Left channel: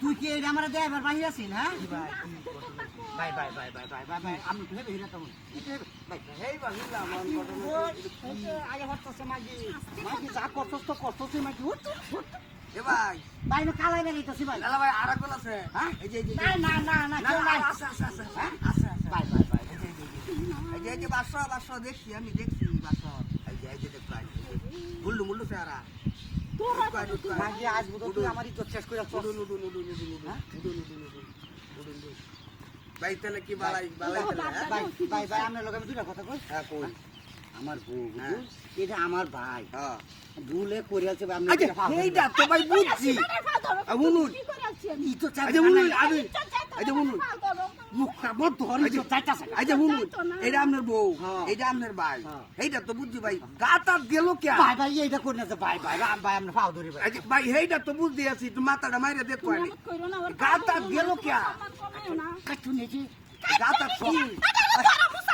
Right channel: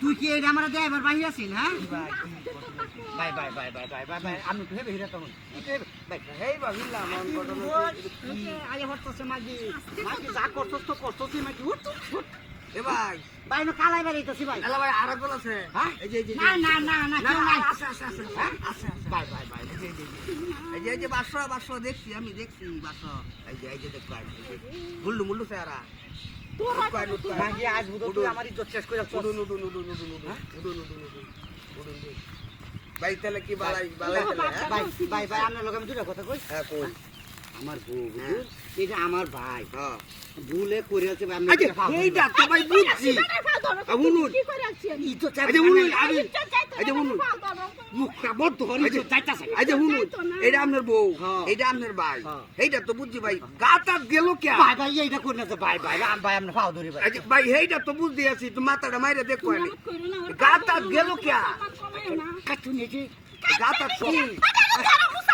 তুই কি এই আমার দেয় এবার বাহি আছিস না bye bye bye bye bye bye bye আমি তো হেবে হিরা তখন ইতে বাই হেই বাহিলা মন বদল আয় হরতছে মাগি মাগি যা করছস তো করছস মাগি উঠ উঠ এ ভাই ভাই না কালাই ভাই ভাই আছে হ্যাঁ? এই যে এই যে না না না না না কেউ নাই আছে আছে আছে হ্যাঁ? আছে আছে বাই বাই বাই এই যে এই যে, এই যে এই যে বাসো বাসো দেখছি আমি দেখছি বাসো এই যে এই যে দেখো মুল্লু মুল্লু চেহারা বাইক তাহলে কি বাড়াই বাড়াই ভাই ভাই আপনার লোক আমি দুটা কথা কই হ্যাঁ কই আমার বউ এটা আমার ভাই। হ্যাঁ। ভুলে করেছে আচ্ছা, আচ্ছা, আচ্ছা, মুখটা বড় ধর আপনার বউ হ্যাঁ। এটা আপনার ভাই। হ্যাঁ। এইটা তো বুঝছি ভাই গাতা গেল কে? ভাই এইটা করে ভাই ভাই ভাই আমরা পাও ধরি ভাই এইটা তো বুঝছি আছি তো মাথাটা মাইরা দেখো আমি গাতা গেল কে? কাটুন এই যে গাতা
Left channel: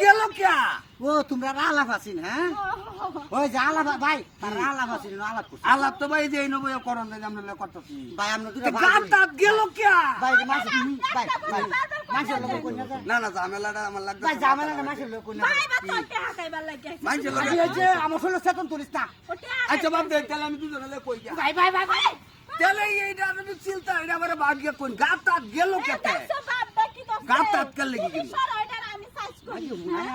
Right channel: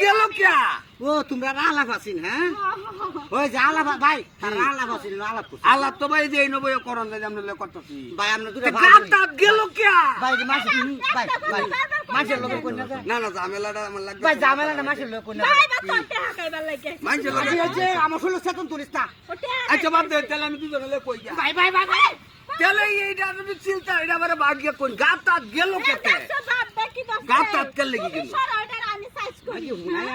গেল কে? ও তোমরা আলাপ আছিস হ্যাঁ? ওই যে আলাপ ভাই তারা আলাপ আছিস আলাপ। আল্লাহ তো ভাই এই নবই করন যে আমরা লে করতেছি। ভাই আমরা দুটো তো গা তাপ গেল কে? ভাই মাছ ভাই ভাই মাছের লোক কই না? না না ঝামেলাটা আমার লাগবে ভাই ঝামেলাটা মাছের লোক কই না? ভাই, বা তোর টেহা খাইবার লাগে। আমি এই যে আমার ষোলো চেতন তুলিস না। আচ্ছা বাদ দে তাহলে আমি দুজনে লে কই যা ভাই ভাই ভাই ভাই। তাহলে এইটা আমি চিলতা এটা আমার ভাগ্য কোন গা তাপ গেল কে দেখছ বাপ দেখি দেখছে। গা তাপ কে লেগে গেল? কেউ নাই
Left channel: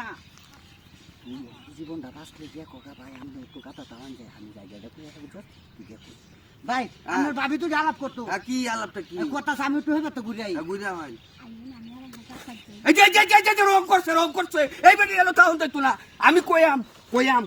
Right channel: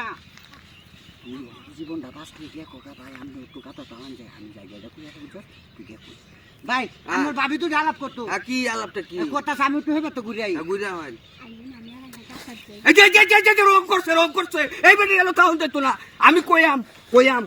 জীবনটা বাঁচলে কোকা ভাই আমি একটু কাতা তামান যাই আমি যাই গেলে কুয়া বুঝত তুই গিয়ে কুই ভাই আমার ভাবি তো আলাপ করতো কি আলাপটা কি কথা আমি একটু হবে তো ঘুরে আই ঘুরে হয় রোগ করছে রোগ করছে। এইবার গেল তাহলে তো না। আমি কয়াম কয়াম